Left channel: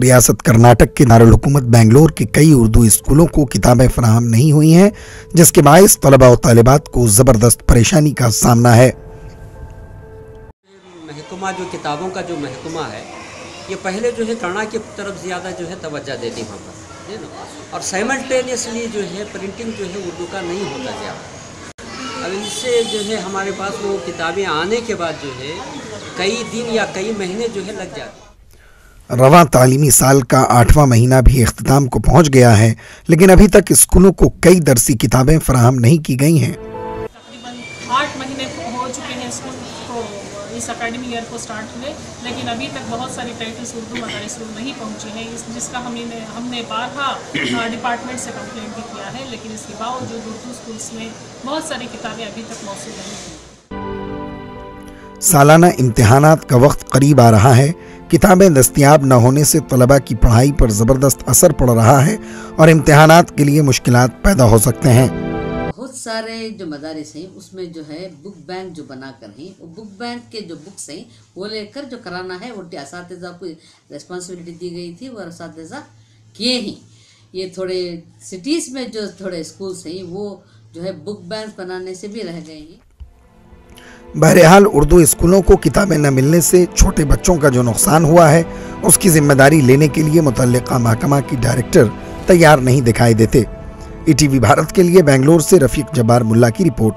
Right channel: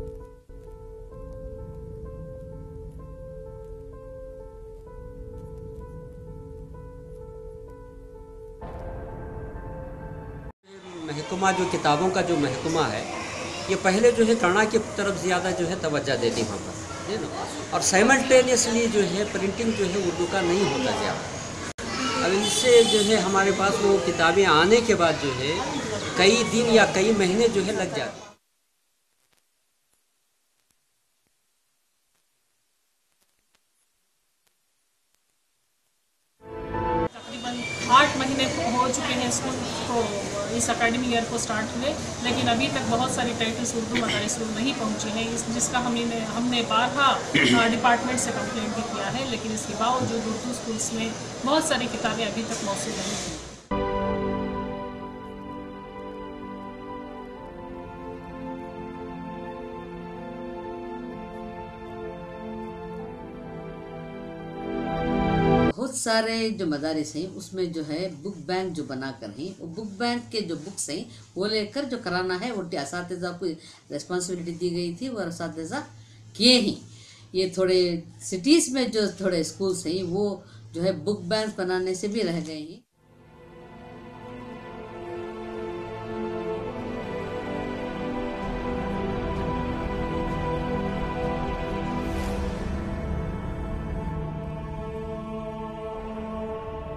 ریاست کرناٹک کے دارالحکومت بنگلور کے کئی اردو اسکولوں کو کتابیں فراہم نہیں ہوئی ہیں، جس کے باعث طلباء و طالبات کو زبردست پریشانی کا سامنا ہے۔ محکمہ جو کتابوں کا جو محکمہ ہے، یہ پہلے جو ہے کنڑا کی طرف زیادہ جو ہے توجہ دیتی وہاں پر، اور سائملٹینیسلی جو ہے پرنٹنگ جو ہے اردو کا نہیں ہوتا گیا۔ اب اس سے جو ہے ہمارے پاس وہ کتابیں آنے کے بعد جو ہے کئی دن یا کئی مہینے جو ہے لگ جاتے ہیں۔ رواں تعلیمی سال کا 8واں مہینہ بھی اختتام کو پہنچ گیا ہے، لیکن ابھی تک اسکولوں کو کئی درسی کتابیں فراہم نہیں کی گئی ہیں۔ تقریباً 8 مہینے ہو چکے ہیں اسکول کو اس اکیڈمی ایئر کو سٹارٹ ہوئے، لیکن ابھی تک بہت ساری ٹائٹلز اردو مدارس میں نہیں پہنچی ہیں، جس کا ہم نے بارہا ڈپارٹمنٹ سے کمپلین بھی کیا ہے، لیکن اس کے باوجود اردو اسکولس میں بہت ساری کتابیں ابھی تک موصول نہیں ہیں۔ سالانہ امتحانات کا وقت قریب آ رہا ہے۔ کتابیں دستیاب نہ ہونے سے طلباء کی پڑھائی پر زبردست اثر پڑ رہا ہے اور امتحانات کے لیے مشکلات پیدا ہو سکتے ہیں۔ بہت سارے جو مدارس ہیں اس میں جو ہے بک بینک جو بنا کر ہیں، وہ بک بینک کے جو بکس ہیں وہ لے کر جو کرانا ہے وہ اساتذہ کو ریسپانسبلٹی دی گئی تھی، وہ اساتذہ کیے ہیں۔ یہ تھوڑے سٹیز میں جو تھوڑے اسکولس ہیں وہ جو ہے بک بینک بنانے سے بھی رہ گئے ہیں۔ بہرحال اردو اسکولوں کو کتابیں نہ ملنے سے چھوٹے بچوں کا جو نقصان ہوا ہے اس کی ذمہ داری لینے کے لیے متعلقہ محکمہ کی ڈائریکٹر تیار نہیں دکھائی دیتے۔ ای ٹی وی بھارت کے لیے بنگلور سے رفیق جبار ملا کی رپورٹ۔